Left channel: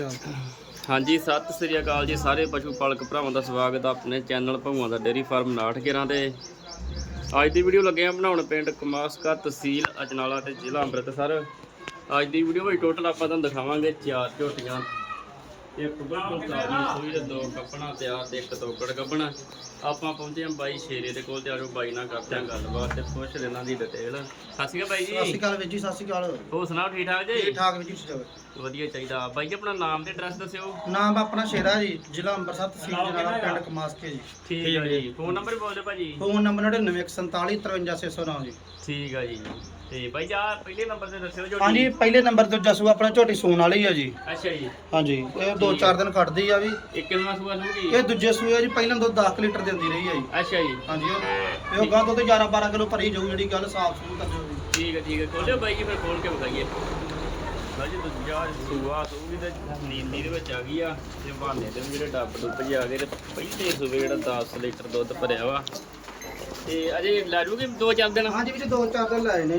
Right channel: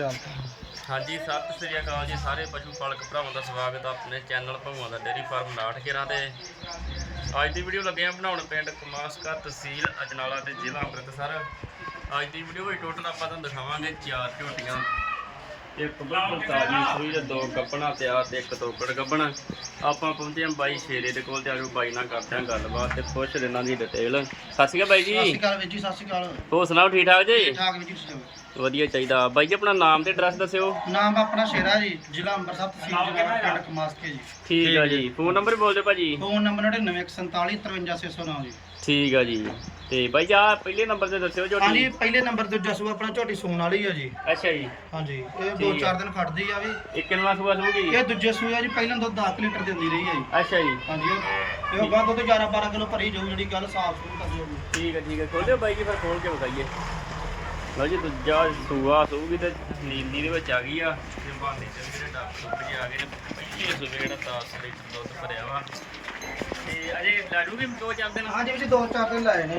ਹਾਂਜੀ, ਸਤਿ ਸ੍ਰੀ ਅਕਾਲ ਜੀ ਸਾਰੇ ਪਸ਼ੂ ਪਾਲਕ ਭਰਾਵਾਂ ਦਾ ਸਵਾਗਤ ਆ ਆਪਣੇ ਚੈਨਲ ਭਗਵਾਨ ਦਾ ਡੇਰੀ ਫਾਰਮ 911 ਤੇ। ਅੱਜ ਦੀ ਵੀਡੀਓ ਲੱਗੇ ਆ ਬਣਾਉਣ ਪਿੰਡ ਕਮਾਸਕਾ ਤਹਿਸੀਲ ਅਜਨਾਲਾ ਤੇ ਜ਼ਿਲ੍ਹਾ ਅੰਮ੍ਰਿਤਸਰ। ਅੱਜ ਦੀ ਵੀਡੀਓ ਵਿੱਚ ਟੋਟਲ ਆਪਾਂ ਤੁਹਾਨੂੰ ਦਿਖਾਵਾਂਗੇ ਚਾਰ ਝੋਟੀਆਂ। ਇੱਕ ਬਿਲਕੁਲ ਤਾਜ਼ੀ ਸੂਈ ਤੇ ਦੋ ਕੱਪਣਾ ਤਿਆਰ ਤੇ ਇੱਕ ਤੋਕੜ ਕੱਪਣਾ ਆਪਾਂ ਪਹੁੰਚੇ ਹਾਂ ਬਾਈ ਸ਼ੇਰੇ ਦੇ ਕੋਲ ਤੇ ਆਜੋ ਬਾਈ ਨਾਲ ਕਰਦੇ ਹਾਂ ਗੱਲਬਾਤ ਤੇ ਪੁੱਛ ਲੈਣਾ ਦੀ ਡਿਟੇਲ ਸਤਿ ਸ਼੍ਰੀ ਅਕਾਲ ਬਾਈ ਸਤਿ ਸ਼੍ਰੀ ਜੀ ਅਕਾਲ ਵੀਰ ਜੀ ਸਤਿ ਸ਼੍ਰੀ ਅਕਾਲ। ਹੋਰ ਸੁਣਾਓ ਠੀਕ ਠਾਕ ਜੀ? ਠੀਕ ਠਾਕ ਵੀਰ ਜੀ ਠੀਕ ਵਧੀਆ ਚਾਹੀਦਾ। ਬਾਈ ਜੀ ਆਪਣਾ ਨਾਮ ਤੇ ਐਡਰੈਸ ਦੱਸਿਓ। ਨਾਮ ਆਪਣਾ ਸ਼ੇਰਾ ਜੀ ਜ਼ਿਲ੍ਹਾ ਅੰਮ੍ਰਿਤਸਰ ਤਹਿਸੀਲ ਜਨਾਲਾ ਪਿੰਡ ਕਮਾਸਕੇ ਜੀ। ਠੀਕ ਆ ਜੀ। ਫੋਨ ਨੰਬਰ ਬੋਲ ਦਿਓ ਭਾਜੀ। ਫੋਨ ਨੰਬਰ 9947453609 ਜੀ। ਠੀਕ ਆ ਜੀ। ਤੇ ਬਾਈ ਜੀ ਆਹ ਪਹਿਲੇ ਨੰਬਰ ਤੇ ਦੱਸਿਓ ਜੋ ਹਾਂਜੀ ਪਹਿਲੇ ਨੰਬਰ ਤੇ ਜਸੂ ਆਪਣਾ ਝੋਟੀ ਸੂਣ ਵਾਲੀ ਆ ਜੀ। ਅੱਛਾ ਜੀ। ਹਾਂਜੀ ਇਹ ਦੋ। ਚਾਰ ਦਿਨ ਕੱਢਦੀ ਆ ਵੀ। ਇਹ ਕਿੰਨਵਾਂ ਸੂਆ ਸੂਗੀ ਇਹ ਦੂਜੇ ਸੂਏ ਆ ਜੀ ਪਹਿਲਾਂ ਦੁੱਧ 10 ਲੀਟਰ ਦਿੰਦੀ ਰਹੀ ਆ ਜੀ। ਅੱਛਾ ਜੀ। ਹਾਂਜੀ ਇਹ- ਇਹ ਗਾਂ ਦੁੱਧ 11 12 ਕਿਲੋ ਭਰੀ ਜਾਊ ਜਿਹੜੀ ਗੱਲ ਸਾਫ਼ ਸੂਲ ਤੱਕ ਜਾਊਗੀ। ਠੀਕ ਹੈ ਠੀਕ ਹੈ ਖੋਲਿਓ ਬਾਈ ਜੀ ਫਿਰ ਖੋਲ ਕੇ ਵਿਖਾਈਏ ਲਓ ਜੀ ਦੂਜਾ ਸੂਆ ਸੂਗੀ ਤੇ ਨੀਂਦੀ ਦੇ ਵਿੱਚ ਆ ਗਈ ਆ। ਤੇ ਬਹਾਨੇ ਤੇ ਵੀ ਜਿਹੜੇ ਡੱਬ ਡੁੱਬ ਜਿਹੇ ਆ ਗਏ ਤੇ ਪਹਿਲੇ ਸੂਏ ਜਿਹੜਾ 10 ਲੀਟਰ ਦੁੱਧ ਭਰਿਆ ਵਾ। ਤੇ ਅਜੇ ਲੈ ਜੂਗੀ ਦੋ ਚਾਰ ਦਿਨ? ਹਾਂਜੀ ਵਿੱਚ ਦੋ ਚਾਰ ਦਿਨ ਲਾਏ ਨੇ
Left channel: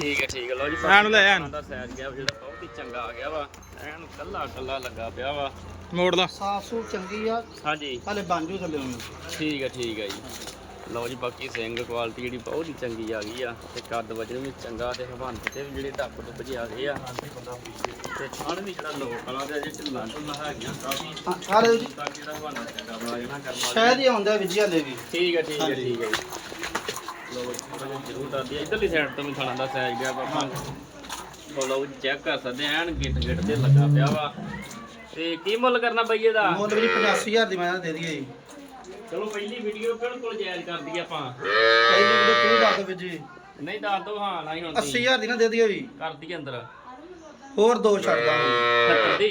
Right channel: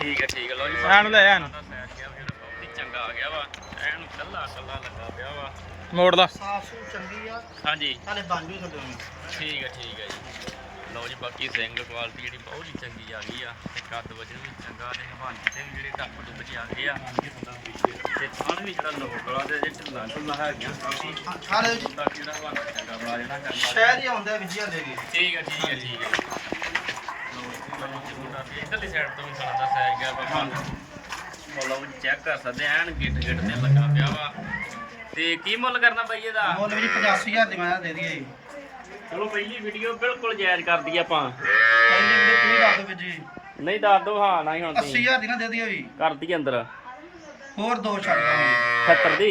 ਠੀਕ ਹੈ ਠੀਕ ਹੈ ਲਓ ਜੀ। ਐਨ ਲੈ ਐਨ। ਦਾ ਸਾਈਜ਼ ਗਿਆ ਫਿਰ ਬਹੁਤ ਹੀ ਚੰਗਾ ਆ ਗਿਆ ਵਾ। ਐਨ ਕੱਲਾ ਕੱਲਾ ਲੱਗਾ ਪਿਆ ਵਾ। ਮੋੜ ਦਾ ਸਾਫ਼ ਚੰਗੀ ਆ। ਹਾਂਜੀ। ਹਲੇ ਬਣ ਜੂ ਥੱਲੇ। ਨੂੰ ਠੀਕ ਹੈ ਠੀਕ ਹੈ ਜੀ। ਲਓ ਜੀ ਬਾਕੀ ਸਿੰਘ ਕੁਆਲਿਟੀ ਜਿਹੜੀ ਬਹੁਤ ਹੀ ਚੰਗੀ ਆ ਗਈ ਆ। ਤੇ ਕੱਦ ਵਜਨ ਵੀ ਚੰਗਾ ਤੇ ਹਵਾਨ ਤੇ ਵੀ ਜਿਹੜੇ ਟੱਪ ਟੁੱਪ ਜਿਹੇ ਆ ਗਏ ਆ। ਤੇ ਥਣ ਵੀ ਜਿਹੜਾ ਲੋਕ ਵਾਲਾ ਤੇ ਅਜੇ ਢਿੱਲਾ ਢੁੱਲਾ ਹੈਗੀਆਂ ਕਾਫੀ। ਸਾਰੇ ਜੀ। ਤਾਂ ਜਿਹੜਾ ਹਵਾਨਾ ਚੰਗਾ ਬਣਾ ਜਿਹੜਾ ਵਾਲੀ ਸ਼ਾਇਦ ਹੀ ਆਉਂਦਾ ਵਿਜੀ ਹਲੇ ਵੀ। ਠੀਕ ਹੈ ਠੀਕ ਹੈ ਠੀਕ ਜੀ। ਆ। ਇੱਧਰਲੀ ਸਾਈਡ ਤੋਂ ਵੀ ਥਣ ਦਾ ਸਾਈਜ਼ ਗਿਆ ਬਾਬਾ ਉਹ ਲਓ ਚੈੱਕ ਕਰ ਸਕਦੇ ਆ, ਐਨ ਗਿੱਟ ਗਿੱਟ ਤੇ ਲੱਗਾ ਪਿਆ ਵਾ। ਤੇ ਕੀ ਮੁੱਲ ਕਰਨਾ ਬਈ ਇਹਦਾ? ਮੁੱਲ ਵੀ 85000 ਦੀ ਮੈਂ ਦੇ ਦਈਏ ਜੀ। ਚਲੋ ਪਹਿਲੀ ਵੀਡੀਓ ਬਿਲਕੁਲ ਜਾਇਜ਼ ਕਰ ਦਈਏ ਆਪਾਂ। ਪਹਿਲੀ ਵੀਡੀਓ ਤੂੰ ਦੱਸ ਦੇ ਵਿਜੀ ਨਹੀਂ ਦੱਸ ਦੋ ਹਾਂ ਨਹੀਂ ਹੁਣ ਤੁਸੀਂ। 80000 ਦੀ ਨਾ ਦੇ ਦਈਏ ਵੀ ਕਰ ਦਈਏ ਅੰਦਰ। ਹੋਰ ਦੋ ਛੱਡ ਦਾਂਗੇ 70 ਦੀ?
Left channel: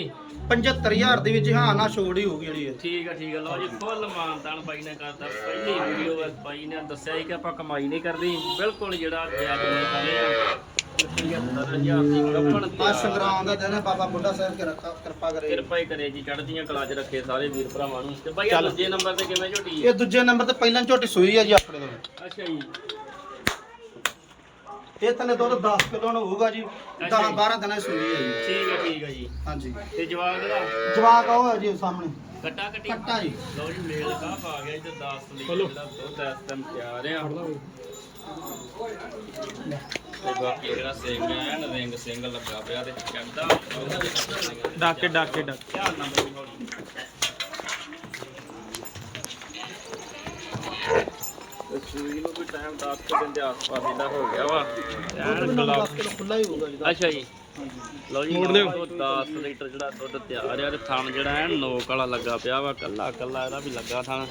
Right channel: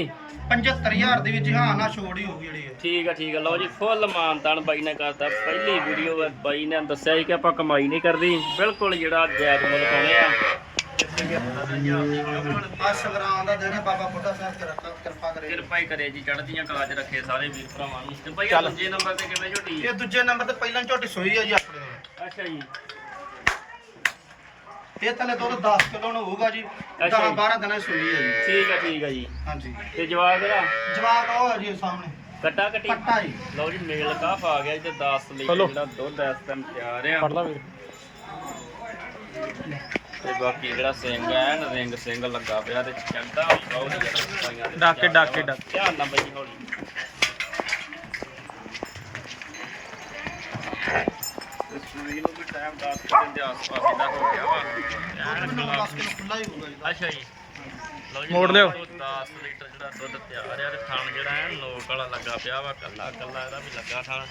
75000 ਦੀ ਵਿੱਚ ਹਾਂ ਨਾ ਛੋੜ ਹੀ ਹੋਊਗੀ ਜਿਹੜੀ। ਠੀਕ ਆ ਠੀਕ ਆ। ਲਓ ਜੀ ਫੁੱਲ ਮਾਨਤਾਨ ਬਾਈ ਨੇ ਕਰਤਾ। ਪਹਿਲੀ ਵੀਡੀਓ ਬਾਈ ਨੇ ਦੱਸਿਆ ਸੀ ਕਿ ਆਪਾਂ ਕਮਾਈ ਨਹੀਂ ਕਰਦੀ। ਬਿਲਕੁਲ ਜਿਹੜਾ ਜੈਕ ਨੇ ਪਾਣੇ ਆ। ਤੇ ਪੰਜਾਬੀ ਪੰਜਾਬ ਦੀ government ਆ ਸੰਗਰਾਮ ਦਾ ਦਿਨ ਹੈ ਬਾਬਾ ਬੁੱਢਾ ਸਾਹਿਬ ਕੇ ਰੱਖਾ ਕਿਰਪਾ ਕਰੇ। ਕਿਰਪਾ ਹੀ ਕਰੇ ਜੀ ਚੜ੍ਹਦੀਆਂ ਕਲਾ 'ਚ ਰੱਖੇ ਸਾਰੇ ਵੀਰ ਭਰਾਵਾਂ ਨੂੰ। ਤੇ ਬਾਈ ਆਹ ਦੂਜੇ ਨੰਬਰ ਤੇ ਕਿਵੇਂ ਝੋਟੀ ਇਹ ਦੂਜੇ ਨੰਬਰ ਤੇ ਪਹਿਲਾਂ ਝੋਟੀ ਸੂਈ ਆ ਜੀ ਆਪਣੇ ਕੋਲ। ਅੱਛਾ ਜੀ। ਇਹ ਥੱਲੇ ਦੁੱਧ 10 ਕਿਲੋ ਨੂੰ ਹੋਊਗਾ ਜੀ 10 ਅੱਛਾ ਜੀ। 12 ਦਿਨਾਂ ਦੀ ਸੂਈ ਹੈ ਜੀ। ਠੀਕ ਆ ਠੀਕ ਆ ਜੀ। ਹਾਂਜੀ। ਤੇ ਜਵਾਬ ਇਹਦਾ? ਜਵਾਕ ਹੈ ਜੀ ਸਾਹਮਣੇ। ਕੱਟਾ ਕੱਟੀ? ਕੱਟਾ ਜੀ। ਲਓ ਜੀ ਮੇਲ ਕਾਫ ਆ ਗਿਆ ਤੇ 10 ਲੀਟਰ ਜਿਹੜਾ ਦੁੱਧ ਇਸ ਟਾਈਮ ਤਿਆਰ ਆ। ਲਾ ਵੀਰ। ਤੇ ਬਾਕੀ ਜਿਹੜਾ ਸਿੰਘ ਹੈ ਨਾ ਰਿੰਗ ਸਿੰਘ ਲੱਗਾ ਪਿਆ ਤੇ ਜ਼ਿਆਦਾ ਡਾਕੇ ਡਾਕੇ ਡਾਕੇ। ਧਿਆਨ ਨਾਲ ਬਈ ਹੌਲੀ ਤੇ ਸੂਈ ਨੂੰ ਵੀ ਟਾਈਮ 10 ਕੁ ਦਿਨ ਦੇ ਆਸ-ਪਾਸ ਇਹਦਾ ਹੋ ਗਿਆ ਵਾ। ਦੁੱਧ ਵੀ 9 10 ਕਿਲੋ ਖੁੱਲਾ ਹੀ ਹੋਊਗਾ ਜੀ। ਅੱਛਾ ਜੀ। ਮੋੜ ਲਿਓ। 10 ਲੀਟਰ ਜਿਹੜਾ ਦੁੱਧ ਤਿਆਰ ਆ ਤੇ ਥਣ ਜਿਹੜਾ ਹੈ ਨੋਕ ਵਾਲਾ ਲੱਗਾ ਪਿਆ ਵਾ ਕੱਲਾ ਕੱਲਾ ਇਹਦਾ ਵੀ ਲੱਗਾ ਥਣ।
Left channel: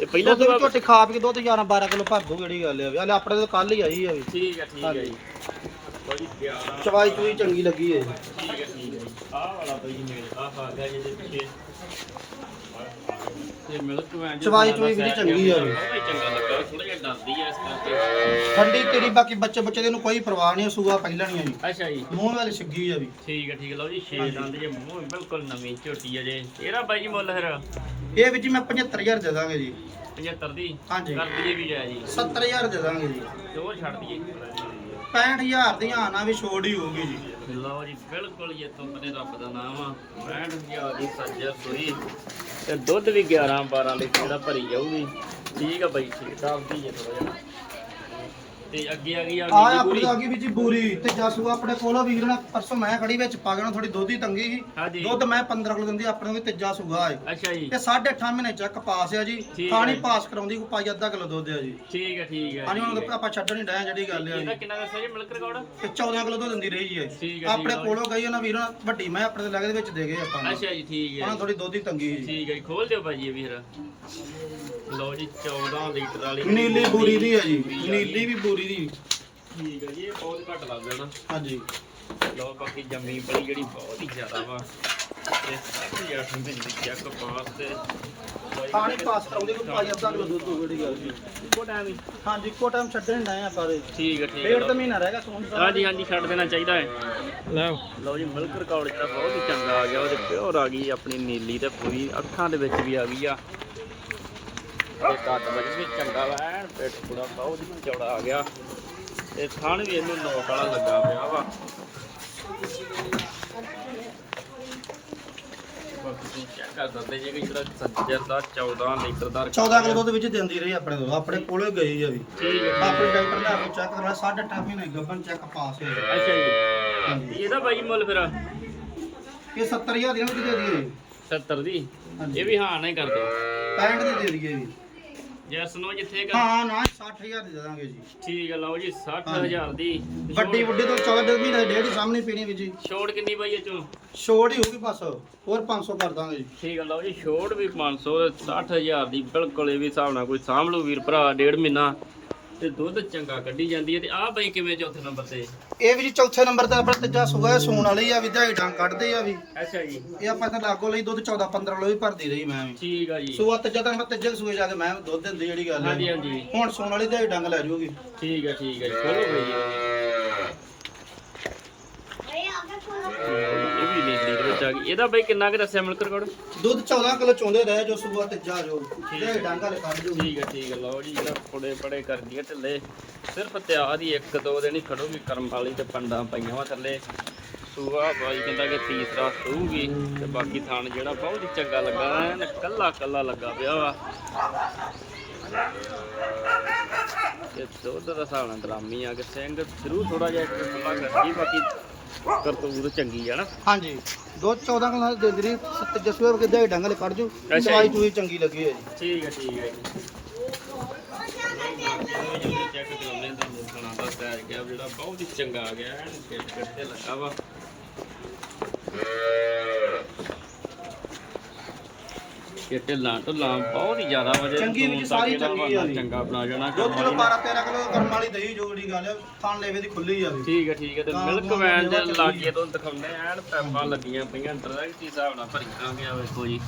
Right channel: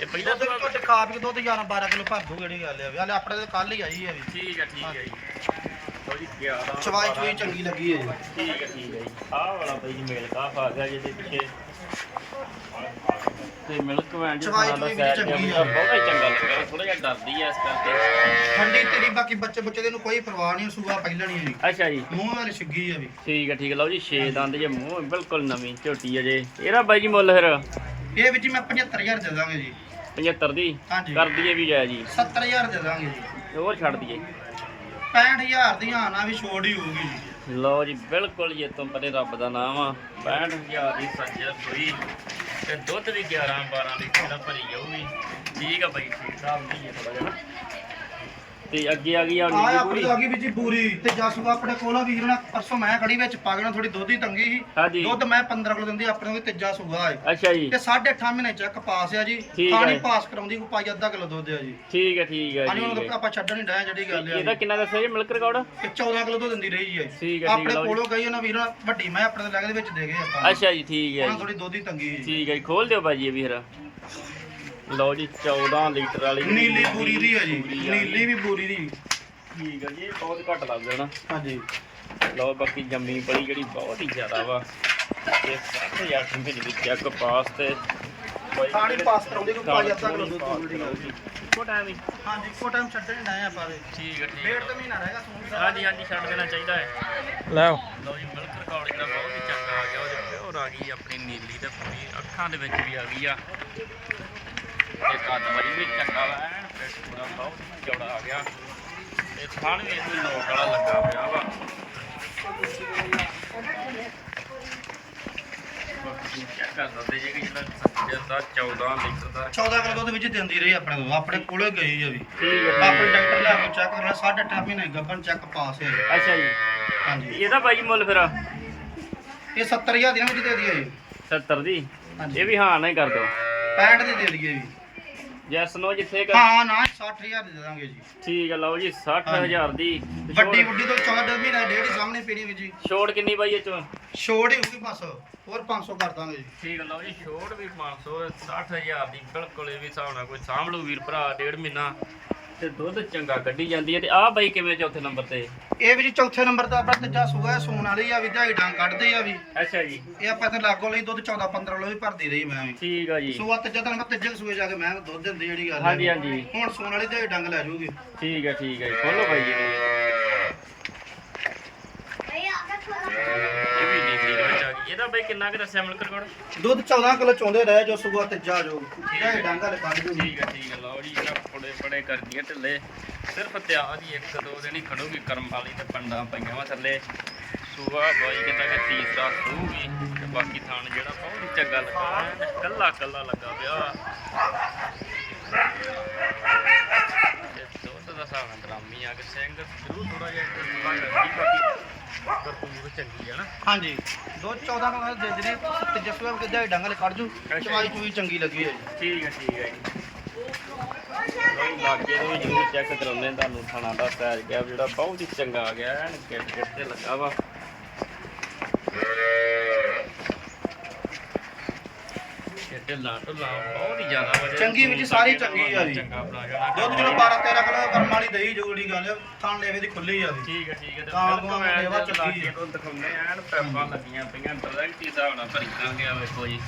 ਇਹ ਪਹਿਲਾਂ ਤੋਂ ਵੀ ਝੋਟੀ ਖਾ ਪੀ ਕੇ ਦੁੱਧ 11 12 ਕਿਲੋ ਭਰ ਦੂ ਜਿਹੜੀ ਗੱਲ ਹੈ ਹਲੇ ਆਪਣੇ ਤੇ ਕੱਲ ਹੀ ਆਈ ਹੈ ਵੀ। ਠੀਕ ਹੈ ਠੀਕ ਹੈ ਜੀ। ਜੀ 11 ਚਵਾਈ ਚੂਈ ਚੰਗੀ ਲੱਗੀ ਹੈ ਜੀ ਠੀਕ ਹੈ ਠੀਕ ਹੈ ਜੀ ਆਹ ਵਾਲਾ ਬਈ ਮੇਲ ਕਾਫ ਆ ਗਿਆ ਜਿਹਦੇ ਪਿੱਛੇ ਤੇ ਮਿਲਕ ਵੈਨ ਚਵਾਈ ਚੂਈ ਵੀ ਚੰਗੀ ਆ। ਬਹੁਤ ਚੰਗਾ ਲੱਗਾ ਥੋੜਾ ਜਿਹਾ ਡਰਦੀ ਐ ਇਸ ਕਰਕੇ ਠੰਡੀ ਤੇਰੀ ਬਾਕੀ ਬੱਚੇ ਬੱਚੇ ਦੇ ਨੂੰ ਕੋਈ ਪਰਵਾਹ ਨਹੀਂ ਸੂਆ ਪਹਿਲਾਂ ਨਹੀਂ ਆਈ ਅੱਛਾ ਜੀ। ਮੂੰਹ ਵਾਲੀ ਛਿੱਗੀ ਆ ਵੀ। ਠੀਕ ਹੈ ਠੀਕ ਹੈ ਲਓ ਜੀ ਛੇ ਦੰਦ ਜੇ ਮੂੰਹ ਬਿਲਕੁਲ ਨਵੀਂ ਝੋਟੀ ਹੈ ਜੇ। ਇਹਦਾ ਬਾਈ ਜੀ ਮੁੱਲ ਫਿਰ? ਇਹ ਵਿੱਚ ਮੈਂ 75000 ਦੇ ਦਾਂਗੇ ਜੀ। 75 ਦੀ? ਕਰ ਦਈਏ ਵੀ ਜਾਇ ਜੀ। 70000 ਦੇ ਦਾਂਗੇ ਜੀ। ਤੇ ਉਹ ਛੱਡ ਦਈਏ। 65000 ਦੀ ਆਣਾ ਵੀ ਛੋੜ ਹੀ ਹੋਊਗੀ ਜੀ। ਲਓ ਜੀ, ਬਿਲਕੁਲ ਇਹ ਤੋਂ ਪਰੇ ਰੱਬ ਦਾ ਨਾਮ ਆ। 65000 ਦੀ ਸੱਜਰ ਸੂਈ ਤੇ ਦੁੱਧ ਵੀ 11 12 ਲੀਟਰ ਦਾ ਭਰੀ ਜਾਊਗੀ। ਠੀਕ ਆ ਬਾਈ, ਠੀਕ ਦੱਸਦੀ ਜੇ ਥੋੜਾ ਜਿਹਾ। ਤੇ ਅੱਗੇ ਆ ਗਈ ਆ ਆ ਆਪਣੀ ਪੂਰੀ ਆ ਗਈ ਵਿੱਚ ਬੂਰੀ ਤੇ ਜਾਸੂ ਆਪਣੇ ਕੋਲ ਆ ਵੀਰ ਨਾਲ ਪਰਸੋਂ ਮੈਂ ਖੜੀ ਵਿੱਚ ਪਾਗਣਾ ਥੋੜੀ ਦੁੱਧ ਹੀ ਤੰਗੀ ਸੀ ਦੁੱਧ ਮੈਂ 15 ਕਿਲੋ ਦਿੰਦੀ ਆਪਣੇ ਵੀ ਤੀਜਾ ਸੂਗਾ ਹੈ ਅੱਛਾ ਜੀ ਤੇ 8.5 ਮਹੀਨੇ ਚੱਕ ਪਾਸ ਆ ਜੀ ਠੀਕ ਖਾਣੀ। ਪਾਸ ਕਰਾਉਂਦੀ ਕੋ ਪਾਈ ਅੱਧਾ ਕਿਲੋ ਦੁੱਧ ਆ ਜੀ ਠੀਕ ਹੈ ਠੀਕ ਹੈ ਹਾਂਜੀ ਠੀਕ ਹੁਣ ਹੈ। ਆਪਾਂ ਛੱਡਣ ਹੀ ਡਾਇਆ ਜਿਹੜੀ ਗੱਲ ਆ ਇਹਦਾ ਜੀ। ਕਿੰਨਾ ਦੱਸਿਆ ਜੀ ਮਿਲਕ ਰਿਕਾਰਡ ਤੇ 14 ਕਿਲੋ ਦੁੱਧ ਦਿੰਦੀ ਰਹੀ। ਠੀਕ ਹੈ, ਆਪਣੇ ਠੀਕ। ਕੋਲੋਂ ਗਈ ਆ ਨਾ ਵੀਰ ਨਾਲ ਵੱਡੀ ਮੈਂ ਆਪਣੇ ਦੇ ਲੈ ਕੇ ਦੇ ਵਿੱਚ ਦੇ ਗਏ ਆਪਾਂ। ਅੱਛਾ ਜੀ ਠੀਕ ਹੈ ਉਹਨਾਂ ਜੀ। ਥੋੜੀ ਦੁੱਧ ਹੀ ਤੰਗੀ ਸੀ ਠੀਕ ਹੈ ਜੀ ਖੋਲ ਦਿਓ ਭਾਜੀ ਇਹ ਵੀ ਫਿਰ ਲਓ ਜੀ 14 ਲੀਟਰ ਵਾਲੀ ਨੀਲੀ ਬੂਰੀ ਦੀ ਆ ਜੀ ਨੀਲੀ ਵੀ ਬੂਰੀ ਦੀ। ਠੀਕ ਹੈ ਜੀ ਇਹ ਬਹੁਤ ਘੱਟ ਲੱਗਦਾ ਨਾ। ਹਾਂਜੀ। ਲਓ ਬਾਕੀ ਜੰਮੀ ਪਈ ਜਿਹੜੀ ਬਹੁਤ ਹੀ ਜ਼ਿਆਦਾ ਵਾ। ਤੇ ਸਾਰੇ ਯਾਰ ਠੀਕ ਨਹੀਂ ਚੈੱਕ ਪਾਸ ਤੇ ਖਾਣੀ ਪਾਸ ਕਰਾਉਂਦੀ ਕੋ ਪਾਈ ਅੱਧਾ ਕਿਲੋ ਦੁੱਧ ਹੋਊ ਜਿਹੜੀ ਗੱਲ ਸੀ ਇੱਕੋ ਟਾਈਮ ਹੀ। ਹਾਂਜੀ ਇੱਕੋ ਟਾਈਮ ਛੱਡਣ ਡਾਇਆ ਆਪਾਂ ਉਹਦੇ ਠੀਕ ਹੈ ਠੀਕ ਡੇਢ ਹੈ ਤਾਂ ਮਹੀਨਾ ਰਹਿ ਗਿਆ ਸੂਣ ਦਾ ਹਾਂਜੀ ਹਾਂਜੀ ਛੱਡ ਦੇਣਾ ਚਾਹੀਦਾ ਹੈ। ਲੈ ਲਓ ਜੀ ਮਿਲਕ ਰਿਕਾਰਡ ਜਿਹੜਾ ਬਹੁਤ ਹੀ ਚੰਗਾ ਆ ਗਿਆ ਉਹਦੇ ਪਿਓਰ ਆ ਗਈ ਆਪਣੀ ਨੀਲੀ ਤੇ ਪੂਰੀ ਅੱਖਾਂ ਦੇ ਵਿੱਚ ਵੀ ਆ ਗਈ ਆ। ਤੇ ਕੱਦ ਵੀ ਚੰਗਾ ਵਾ ਐਨ ਪਿੱਠ ਪੂਰਾ ਬਹੁਤ ਹੀ ਚੌੜਾ ਆ ਗਿਆ। ਤੇ ਥਣ ਵੀ ਇਹਨੂੰ ਨੋਕ ਵਾਲਾ ਲੱਗਾ ਪਿਆ ਵਾ। ਬਾਕੀ ਚੈੱਕ ਕਰ ਜੇ ਕਿ ਜਿਹੜਾ ਸੱਜਰ ਦਾ 14 ਲੀਟਰ ਦਾ 14 ਕਿਲੋ ਦੁੱਧ ਵਿੱਚ ਦਿੰਦੀ ਰਹੀ ਆਪਣੇ ਤੋਂ ਆਪਣੇ ਕੋਲੇ ਗਈ ਆ ਵੀ। ਆਪਣੇ ਡਾਕਟਰ ਨੇ ਆਪਕੋ ਚੈੱਕ ਕਰਨਾ ਸਾਢੇ ਅੱਠ ਮਹੀਨੇ ਗੱਭਣ ਚੈੱਕ ਪਾਸ ਹੈ ਅੱਛਾ ਜੀ। ਹਾਂਜੀ। ਇਹਦਾ ਬਾਈ ਮੁੱਲ ਫਿਰ? ਇਹ 70000 ਦੀ ਨਾ ਵਿੱਚ ਦੇ ਦਈਏ ਜੀ। 70 ਦੀ? ਹਾਂਜੀ। ਇਹ ਵੀ ਹਾਂ ਨਹੀਂ ਕਰ ਦਿਓ। 65 ਦੀ ਦੇ ਦਈਏ ਜੀ। ਜੈਸ ਨੋ ਜਿੱਥੇ ਕਰ ਹਾਂ ਨਾ 60000 ਦੀ ਦੇ ਦਾਂਗੇ ਜੀ। ਠੀਕ ਹੈ ਲਓ ਜੀ 60000 ਦੀ। ਤੇ ਵੱਡੀ ਛੋੜ- ਵੱਡੀ ਤੋਂ 14 ਮਹੀਨੇ ਡੇਢ ਹੀ ਸਾਹਮਣੇ ਪੀਣੀ ਵੀ ਜੀ। ਛੋੜ ਕਿੰਨੀ ਬਾਈ ਇਹ ਚੋਂ? ਛੋੜ ਹੀ ਹੋਊਗੀ ਬਸ ਹੋਰ 500 ਕਰ ਦਾਂਗੇ ਜੀ। ਠੀਕ ਹੈ ਲਓ ਜੀ ਛੋੜ ਵੀ 500 60000 ਦੀ ਬਿਲਕੁਲ ਇਹ ਵੀ ਹਿਸਾਬ ਨਾਲ ਕੋਈ ਸਾਂਭ ਲੂ ਵੀਰ ਭਰਾ ਡੇਢ ਮਹੀਨਾ। ਤੇ ਦੁੱਧ ਚੰਗਾ ਕੱਢੀ ਜਾਂਦੀ ਹੈ ਤੇ ਆਹ ਬਾਈ ਕਿਵੇਂ ਚੌਥੇ ਨੰਬਰ ਤੇ? ਇਹ ਵੀ ਜੀ ਚੌਥੇ ਨੰਬਰ ਤੇ ਆਪਣਾ ਤੀਜਾ ਸੁਗਾ ਹੈ, ਸੂਣ ਵਾਲੀ ਆ ਵੀ ਦਿਹਾੜੀ ਡੰਗ ਕੱਢਦੇ ਆ ਵੀ। ਅੱਛਾ ਜੀ। ਇਹ ਆਪਾਂ ਤਾਂ ਲਾਗੋ ਲਈ ਦੁੱਧ 14 15 ਕਿਲੋ ਵੀ ਭਰਦੀ ਰਹੀ ਮੈਂ ਵੀ। ਠੀਕ ਆ ਜੀ। ਸੂਆ ਤੀਜਾ ਤਾਂ ਮੈਂ ਤੀਜੇ ਸੂਏ ਜਾ ਕੇ ਮੈਂ ਦੁੱਧ ਦਿੰਦੀ ਜਿਹੜੀ ਗੱਲ ਹਾਂਜੀ ਹੈ। ਹਾਂਜੀ ਹੁਣ ਸੂਣ ਵਾਲੀ ਦਿਹਾੜੀ ਡੰਗ ਲੈ ਜਾਊਗੀ ਠੀਕ ਹੈ ਠੀਕ ਹੈ ਖੋਲੋ ਬਾਈ ਜੀ ਇਹ ਵੀ ਨੀਲੀ ਦੇ ਵਿੱਚ ਆ ਗਈ ਇਹਦਾ ਬਾਈ ਕਿੰਨਾ ਕੁ ਦੱਸਿਆ ਮਿਲਕ ਰਿਕਾਰਡ ਦੁੱਧ 14 ਕਿਲੋ ਚੋਂਦੇ ਰਹੇ ਜੋ ਸੂਆ ਤੀਜਾ ਜੋ ਦਿਹਾੜੀ ਡੰਗ ਵਾਲੇ ਕੱਢ ਜੂਗੀ ਠੀਕ ਹੈ ਠੀਕ ਹੈ ਲਓ ਜੀ ਇਹ ਕੁੜੇ ਬੜੇ ਕਰਦੀ ਹੈ ਢਿੱਲੇ। ਸਿਰਫ ਤਿਆਰ ਦੀ ਇੱਕ ਦੋ ਦਿਨ ਹੀ ਖੜੂਗੀ ਕਰਮ ਵਾਲੀ ਤੇ ਪੰਡਾਂ ਪਈਆਂ ਵਾ ਥੱਲੇ। ਸੂਆ ਕੋਈ ਕਹਿੰਦਾ ਕਿ ਤੀਸਰਾ ਸੂਗੀ ਤੇ ਬਾਕੀ ਥਾਣ ਜਿਹੜਾ ਬਹੁਤ ਹੀ ਚੰਗਾ ਲੱਗਾ ਐਨ ਕੱਲਾ ਕੱਲਾ ਲੱਗਾ ਪਿਆ ਵਾ। ਤੇ ਦੁੱਧ ਦਾ ਨਾਲ ਡਰਾਮੀ ਆ ਕਿ ਸਿੰਘ ਸ਼ੁਰੂ ਥੋੜਾ ਜਿਹਾ ਸਮਾਂ ਲੱਗਦੀ ਬਾਕੀ ਕਰਤੂਰ ਚੰਗੀ ਆ ਨਾ। ਹਾਂਜੀ। ਦੁੱਧ 14 ਕਿਲੋ ਦੇ ਜਿਹੜੀ ਤੀਜੇ ਸੂਏ ਵਗੇ ਦਿਹਾੜੀ ਡੰਗ ਵਾਲੇ ਕੱਢ ਜੂ ਅੱਛਾ ਜੀ। ਦਵਾਈ ਚੂਈ ਚੰਗੀ ਲੱਗੀ ਹੈ ਜੀ ਠੀਕ ਹੈ ਠੀਕ ਹੈ ਜੀ। ਜੀ, ਬਾਕੀ ਇਹਨੂੰ ਜਰੂਰ ਚੈੱਕ ਕਰਾਉਂਦੇ ਤੁਹਾਨੂੰ ਥਣਾ ਦਾ ਸਾਈਜ਼ ਗਿਆ ਜਿਹੜਾ ਬਹੁਤ ਹੀ ਚੰਗਾ ਆ ਗਿਆ ਐਨ ਗਿੱਟ ਗਿੱਟ ਤੇ ਲੱਗਾ ਵਾ। ਇਹ ਢਿੱਲਾਂ ਢੁੱਲਾਂ ਬਹੁਤ ਹੀ ਜ਼ਿਆਦਾ ਵਧੀਆ ਚੰਗੀ ਵਿੱਚ ਸਾਰੀ ਚੰਗੀ ਆ ਜੀ। ਚੰਗਾ ਬਣਾ ਜਾਣਾ ਦੁੱਧ ਜਦੋਂ 12 13 ਕਿਲੋ ਕਰਮ ਵਾਲੀ ਦਹੀਂ ਜੋ ਜਿਹੜੀ ਗੱਲ ਹੈ ਥਣ ਲੇਵੇ ਦੀ ਖੁੱਲੀ ਆ ਵੀ ਠੀਕ ਹੈ ਠੀਕ ਹੈ ਤੇ ਤਾਂ ਬਿਲਕੁਲ ਆਪਾਂ ਮੈਂ ਲੇਵਾ ਜਦ ਚੰਗੀ ਲਾਗੇ ਤੋਂ ਦਿਖਾਉਂਦੇ ਆ ਐਨ ਪੈਪਾਂ ਲੱਗੀਆਂ ਪਈਆਂ ਡਾਇਰੈਕਟ ਹੀ ਹਿਸਾਬ ਨਾਲ ਭਰੀਆਂ ਗਿਆ ਵੇਖੋ ਜੀ।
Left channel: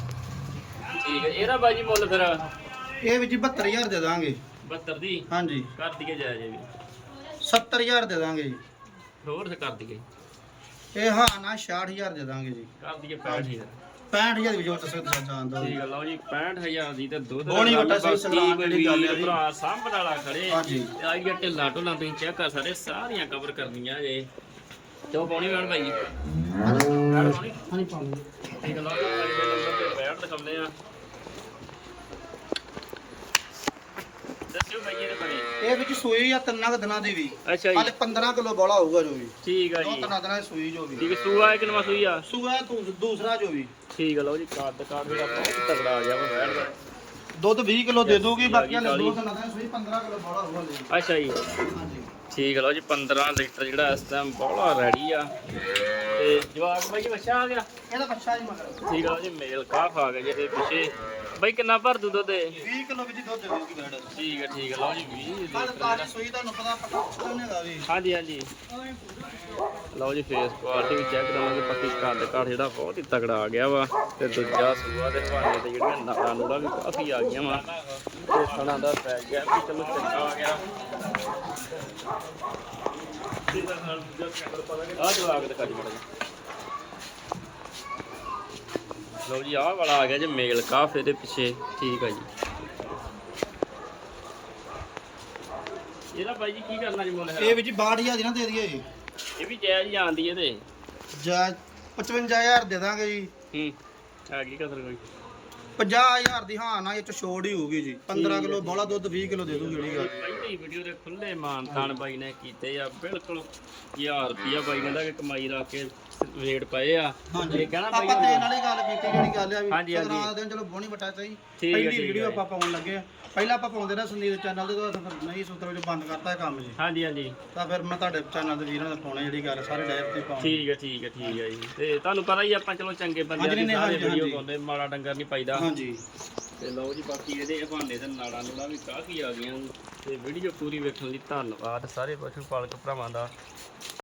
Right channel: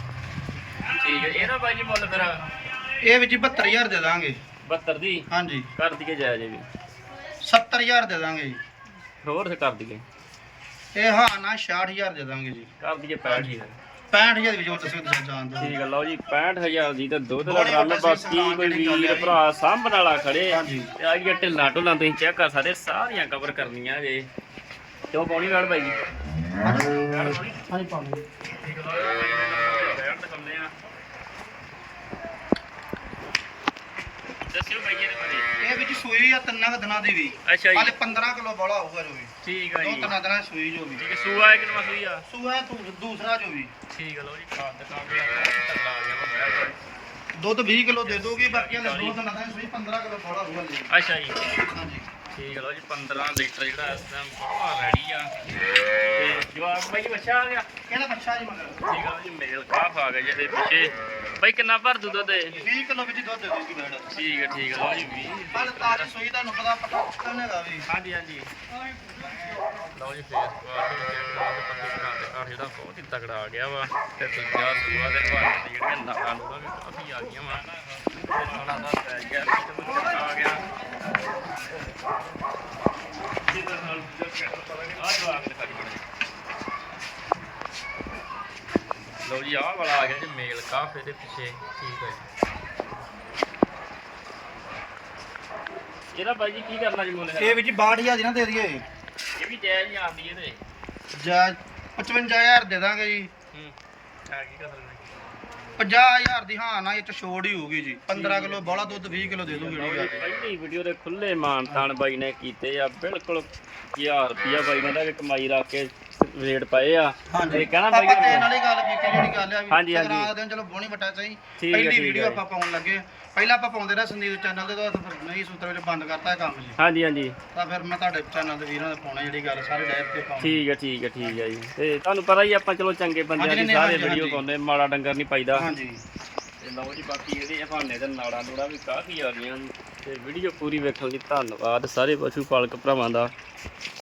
ਠੀਕ ਹੈ ਇਹਦਾ ਬਾਈ ਜੀ ਮੁੱਲ ਫਿਰ ਇਹ ਵੀ ਜੀ 72000 ਦੇ ਦਾਂਗੇ। 72 ਦੀ? ਹਾਂਜੀ। ਕਰ ਦਈਏ ਜਾਇਜ਼ ਇਹ ਵੀ। 70000 ਦੇ ਦਾਂਗੇ ਜੀ। ਹੋਰ ਤੇ ਕਰ ਦਈਏ। ਇਹ ਹਾਂ ਨਾ 66000 ਦੇ ਦਾਂਗੇ ਜੀ। ਕਰ ਦਈਏ 65000 65000 ਦੀ ਵੀ ਜੋ ਤੁਸੀਂ ਦੱਸ ਜਾਣ ਦੋ ਠੀਕ ਹੈ ਲਓ ਜੀ 65000 ਦੀ ਤਾਂ ਦੁੱਧ ਦਾ ਬੋਣੀ ਗੱਲ ਵੱਟਾ ਬਾਕੀ ਸੀ ਸਗਰਾਮ ਕੋਈ ਜਿਹੜੀ ਗੱਲ ਵੀਰ ਹੈ ਜੀ। ਭਰਾ ਸਾਂਭਣ ਵਾਲਾ ਖੜੇ। ਹਾਂਜੀ। ਤੇ ਆ ਗਿਆ ਢਿੱਲਾ ਢੁੱਲਾ ਤੁਸੀਂ ਚੈੱਕ ਕਰ ਸਕਦੇ ਸਾਰੀਆਂ ਕਵਰ ਕਰਨੀਆਂ ਜੇ। ਤੇ ਉਹ ਪਾਉਣੀ ਵੜ ਬਾਈ ਜੀ ਵੜ ਪਾਉਣੀ? ਹਾਂਜੀ ਪਾਣੀ ਠੀਕ ਹੈ ਲਓ ਜੀ ਬੈਠ ਦਿਖਾਉਂਦੇ ਆ। ਦੱਸਿਓ ਬਾਈ ਇਹਦੇ ਬਾਰੇ। ਇਹ ਵਿੱਚ ਸੂਈ ਆ ਤਿੰਨਾਂ ਕੁ ਦਿਨਾਂ ਦੀ ਵੀ। ਅੱਛਾ ਹਾਲੇ ਜੀ 15 ਕਿਲੋ ਬੋਲਾ ਹੋਊਗਾ ਜੋ ਵੀ। ਠੀਕ ਆ ਦੋ ਜੀ। ਤਿੰਨਾਂ ਦਿਨਾਂ ਦੀ ਸੂਈ ਜੋ ਵੀ। ਠੀਕ ਹੈ ਸੂਆ ਕਿ ਨਵਾਂ ਸੂਈ ਆ? ਸੂਆ ਤੂੰ ਦੂਸਰਾ ਜੋ ਵੀ। ਠੀਕ ਹੈ ਲਓ ਜੀ ਕਾਰਡ ਜਿਹੜਾ ਬਹੁਤ ਤਗੜਾ ਆ ਗਿਆ ਵਾ ਬੈਠ ਦਾ। ਦੁੱਧ 20 ਕਿਲੋ ਦੇ ਦੂਗੀ ਬਾਕੀ ਹਲੇ ਦੋ ਦਿਨਾਂ ਦੀ ਸੂਈ 15 ਕਿਲੋ ਬੋਲਾ ਹੋਊਗਾ ਜੀ ਅੱਛਾ ਜੀ। ਹਾਂਜੀ। ਠੀਕ ਹੈ ਲਓ ਜੀ 15 ਲੀਟਰ ਜਿਹੜਾ ਇਸ ਟਾਈਮ ਬਹੁਤ ਰੈਡੀ ਆ। ਤੇ ਜਵਾਬ ਬਾਈ ਜੀ ਬੱਚਾ ਆ ਗਿਆ? ਇਹਦਾ ਬੱਚਾ ਜੀ ਮਗਰ? ਠੀਕ ਆ ਜੀ ਮੇਲ ਕਾਫ ਆ ਗਿਆ ਜਿਹਦੇ ਪਿੱਛੇ। ਬਾਈ ਕਿੰਨਾ ਭਰ ਦੂ ਦੁੱਧ ਇਹ? 20 ਕਿਲੋ ਵਿੱਚ ਦੁੱਧ ਦੇ ਦੂਗੀ ਬੈੜ ਠੀਕ ਹੈ ਠੀਕ ਹੈ ਲਓ ਜੀ 20 ਹਾਲੇ ਤਾਜੀ ਸੂਈ ਤੁਹਾਨੂੰ ਪਤਾ ਪਤਾ ਕਿੰਨੇ ਦਾ ਵੀ। ਹਾਂਜੀ ਹਾਂਜੀ। ਲਓ ਜੀ ਫੇਸ ਕੁਆਲਿਟੀ ਵੀ ਚੈੱਕ ਕਰਾਂਗੇ ਪੱਤੀ ਘਰ ਦੇ ਘਰ ਜਿਹੜਾ ਬਹੁਤ ਹੀ ਤਗੜਾ ਆ ਗਿਆ ਵਾ। ਤੇ ਦੂਜਾ ਸੂਆ ਦੇ ਘਰ ਤੇ ਜਿਹੜੀਆਂ ਨਾੜਾਂ ਨੂੜਾਂ ਵੀ ਕਾਫੀ ਆ ਗਈਆਂ ਵਾ। ਤੇ ਫਣਾ ਦਾ ਪੈ ਗਿਆ ਕਿ ਚਲੋ ਚੱਕਾ ਆ ਗਿਆ। ਇਹਦਾ ਹਾਲ ਆ ਜਵਾਬ ਦੇ ਕਰੀ ਬੜਾ ਜੀ। ਲਓ ਜੀ ਆਹ ਵਾਲਾ ਆ ਗਿਆ ਜੀ ਮੇਲ ਕਾਫ ਇਹਦੇ ਪਿੱਛੇ ਠੀਕ ਹੈ ਜੀ। ਇਹਦਾ ਬਾਈ ਜੀ ਕੀ ਕਰਨਾ ਜੀ ਮੁੱਲ ਇਹ ਹੈ ਵਿੱਚ 62000 ਦੀ ਨਾ ਦੇ ਦਈਏ। ਇਹ ਵੀ ਜਾਇਜ਼ ਜਾਂਦੀ ਇਹਦੇ। ਜਾ 55000 ਦੇ ਦਾਂਗੇ ਜੀ। ਹੂੰ ਆ ਗਈ ਕਸਰ ਕੋਈ। 50000 ਦੀ ਹਾਂ ਨਾ ਇਹ ਚ ਛੋੜ ਹੀ ਹੋਊਗੀ ਜੀ। 15 ਕਿਲੋ ਬੋਲਾ ਦੁੱਧ 20 ਕਿਲੋ ਦੇ ਦੂਗੀ ਜਿਹੜੀ ਗੱਲ। ਪਹਿਲੀ ਵੀਡੀਓ ਦੇ ਖੁੱਲੇ ਮਾਨਤਾਨ ਬਾਈ ਨੇ ਕੀਤੇ ਆ। ਬਿਲਕੁਲ 1000 ਰੁਪਿਆ ਬਾਈ ਨੇ ਦਾ ਕਮਾਈ ਰੱਖ ਕੇ ਰੇਟ ਪਏ ਆ। ਹਾਂਜੀ। ਤੇ ਆਪਾਂ ਬਾਈ ਦੇਣ ਵਾਲੀ ਗੱਲ ਕੀਤੀ ਜਿਹੜੀ ਗੱਲ ਆ ਵੀ ਹਾਂਜੀ, ਹਾਂਜੀ। ਸੰਗਰਾਂਦ ਦੇ ਦਿਨ ਚਲੋ ਬੋਣੀ ਵਟਾ ਚਾਹੀ। ਠੀਕ ਹੈ, ਪਹਿਲੀ ਠੀਕ ਵੀਡੀਓ ਹੈ। ਆਪਾਂ ਪਾਉਣ ਲੱਗੇ ਪਹਿਲਾਂ ਆਪਾਂ ਪਾਉਂਦੇ ਰਹੇ ਸੰਦੀਪ ਚੈਨਲ ਤੇ ਤਾਂ ਫਿਰ ਨਹੀਂ ਸੂਤਰ ਵਿੱਚ ਬੰਦ ਕਰਤਾ ਇਹ ਕੰਮ ਜੀ। ਹਾਂਜੀ ਹਾਂਜੀ। ਤਾਂ ਫਿਰ ਮੈਂ ਤੁਹਾਡੇ ਚੈਨਲ ਦੇ ਵੀਰਾਂ ਦੇ ਪਾਉਣੇ ਜਿਹੜੀ ਗੱਲ ਸਾਰੇ ਲਾਈਵ ਤੇ ਪਾਉਣੇ ਠੀਕ ਹੈ ਠੀਕ ਹੈ ਠੀਕ ਹੈ ਜੀ। ਤੇ ਤੁਹਾਨੂੰ ਪਤਾ ਹੀ ਆ, ਆਪਾਂ ਚਲੋ ਚੰਗੇ ਬੰਦੇ ਹਾਂਜੀ, ਨਹੀਂ, ਸਾਰੇ ਹਾਂਜੀ, ਵੀਡੀਓ ਹਾਂਜੀ। ਪਾਉਂਦੇ ਮਾੜਾ ਡੰਗਰ ਨਹੀਂ ਪਾਈਦਾ। ਹਾਂਜੀ। ਤੇ ਲਓ ਜੀ ਬਾਕੀ ਇਹਦੇ ਭਾਂਡੇ ਤੇ ਨਾੜਾ ਨੂੜਾ ਵੀ ਕਾਫੀ ਆ ਗਈਆਂ ਤੇ ਵੀਡੀਓ ਪੂਰੀ ਵੇਖਣ ਲਈ ਧੰਨਵਾਦ ਸਾਰੇ ਪਸ਼ੂ ਪਾਲਕ ਭਰਾਵਾਂ ਦਾ।